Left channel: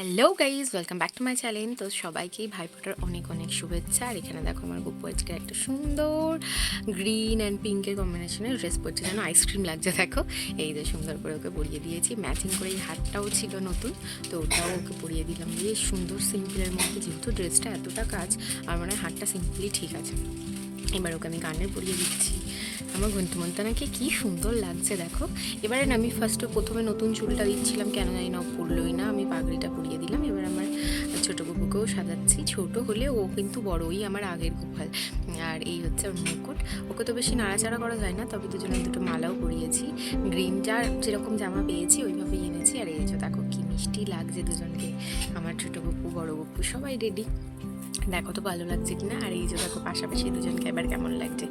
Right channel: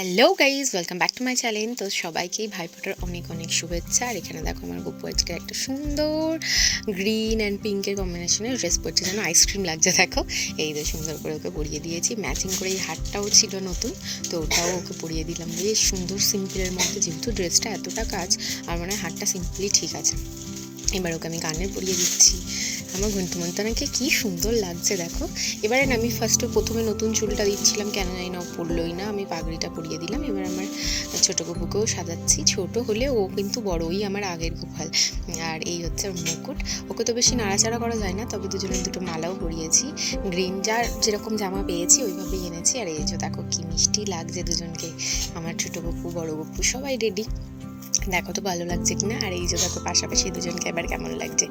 Hello guys, welcome back to my channel. তো সবাইকেই ভাইফোঁটার অনেক অনেক শুভেচ্ছা। আর এখানে দেখো আমার গপু আজকে একটা সুন্দর গ্রিন অ্যান্ড পিঙ্কের কম্বিনেশনের ড্রেস পরছে, যেন আইসক্রিম লাগছে। দেখো এই যে সুন্দর করে ওকে পরিয়ে দিয়েছি, ম্যাচিং করে এই হারটাও ছিল নতুন, তো ওটাও ওকে পরিয়ে দিলাম। বেশ সুন্দর সিম্পলের মধ্যে, যেহেতু ড্রেসটা এতটা কাজ, আর মানে হারটা সিম্পলি ঠিক আছে। এবার ওকে আমি কানে পরিয়ে দিচ্ছি। আমার ঘন্টুমন্তনাকে কি সুন্দর লাগছে দেখো। এবারে না আমি প্রথমে নতুন চুলটা দিচ্ছিলাম, কেন জানি না ও পড়লোই না, আমি পাগড়িটা পরিয়ে দিলাম। এবার আমার ছোটো গপুকেও সাজাচ্ছি। ছোট হলে ও কিন্তু বড়ই আমার আগের গোপাল। আর এই হচ্ছে ওর মুকুট। ওকে তো বেশি নাড়াচাড়া করা যায় না, তবে দুজনের দুটো মালাও পরিয়েছি। গ্রিন যার যেরকম জামা পেয়েছি ওইভাবেই এনেছি। আর এই যে দেখো কি মিষ্টি লাগছে দুজনকে, আমার ছোটো গপু বড় গপু সবাই রেডি। দেখো তো ভালো লাগছে কিনা। আর এই যে দেখো পাশাপাশি দুজনকে এবার কেমন লাগছে,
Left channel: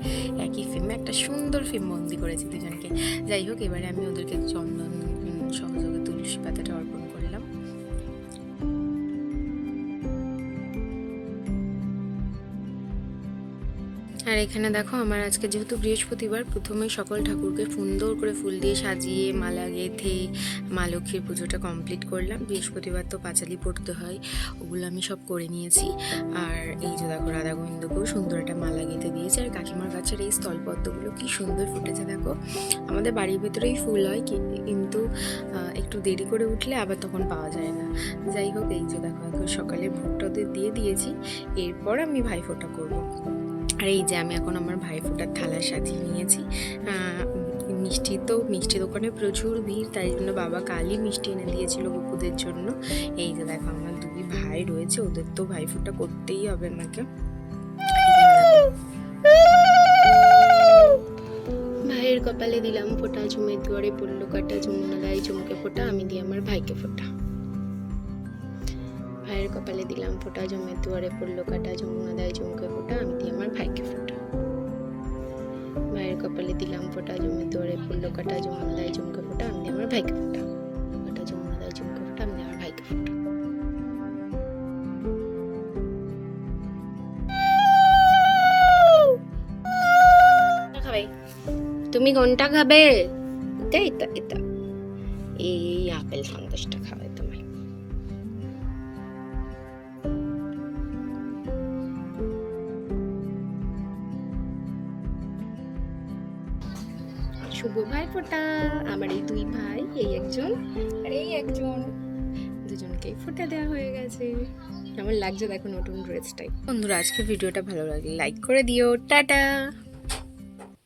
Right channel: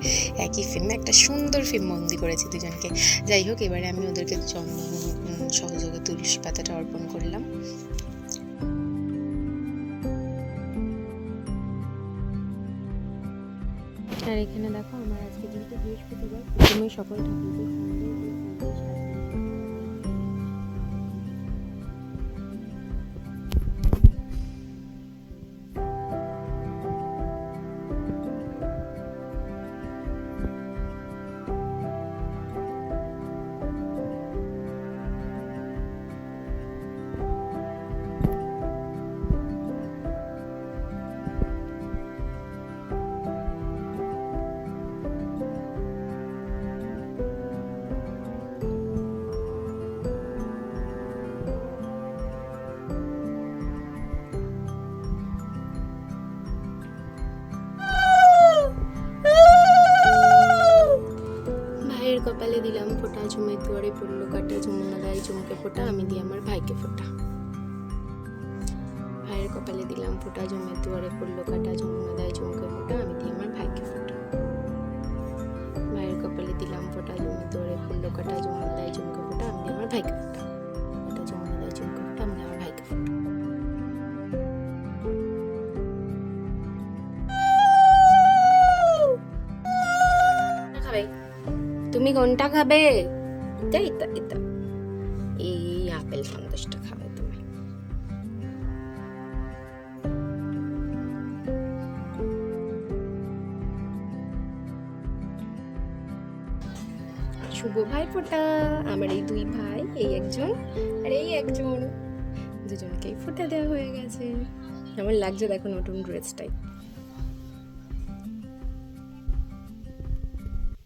একই ফ্রেমে একটা সুন্দর ফ্রেম বন্দি করেছি দুজনকে। যাই হোক, এবারে আমি ওদেরকে চন্দন সহযোগে তুলসী পাতাটা অর্পণ করলাম। আর এখানে দেখো আমার আজকে যেহেতু বৃহস্পতিবার, প্রথমেই সকল ঠাকুরকে সুন্দর করে ফুল দিয়ে সাজিয়ে মালা গেঁথে মা লক্ষ্মীর পুজোটা কমপ্লিট করলাম। বৃহস্পতিবার তো পাঁচালি পড়তে হয়, ওগুলো আমি সব করে নিয়েছি। আর এই যে দেখো রাধা গোবিন্দকেও সুন্দর একটা মালা গেঁথে দিয়েছি। আর কাকিমার গাছের এই স্থলপদ্মগুলো কি সুন্দর ফুটেছে দেখো। আমাদের বাড়ির ভিতরেই ফুল হয়, কিন্তু একটু দেরি করে উঠলে আবার তখন পাওয়া যায় না। যাই হোক, এই যে দেখো সকালে ভোগটা দিয়ে দিয়েছি, এরপর আমি ভাইফোঁটা করবো। আর এই যে আমি এখন আমার ভাইফোঁটার থালা সাজিয়ে নিয়েছি। মিষ্টি দোকানে প্রচুর ভিড়, তাই জন্য বাবা কালই মিষ্টি এনে দিয়েছিল গপুদের জন্য। এই যে দেখো আমার দুই ভাই রয়েছে, ওদের তো ভাইফোঁটা করতেই হবে আমাকে। ভাইয়ের কপালে দিলাম ফোঁটা, ঝুমের দুয়ারে পড়লো কাটা, যমুনা দেয় চমকে ফোঁটা, আমি দিই আমার ভাইকে ফোঁটা। ভাইয়ের কপালে দিলাম ফোঁটা, জমের দুয়ারে পড়লো কাটা, যমুনা দেয় চমকে ফোঁটা, আমি দিই আমার ভাইকে ফোঁটা। ভাইয়ের কপালে দিলাম ফোঁটা, জমের দুয়ারে পড়লো কাটা, যমুনা দেয় চমকে ফোঁটা, আমি দিই আমার ভাইকে ফোঁটা। কাটা যমুনা দেয় চমকে ফোঁটা, আমি দিই আমার ভাইকে ফোঁটা। খাবে তুমি কোনটা খাবে? এটা এটা এটা এই আপেল সন্দেশটা খাবে তুমি। শুভ ভাইফোঁটা। আমার এই দুই ভাই, এই একজন আর এই একজন, দুজনকেই ফোঁটা দেওয়া হয়ে গেছে। কেমন লাগছে দেখো নতুন ড্রেসটাই। বন্ধুরা, আজকে ভিডিওটা ভালো লাগলে লাইক করে দিও। টাটা।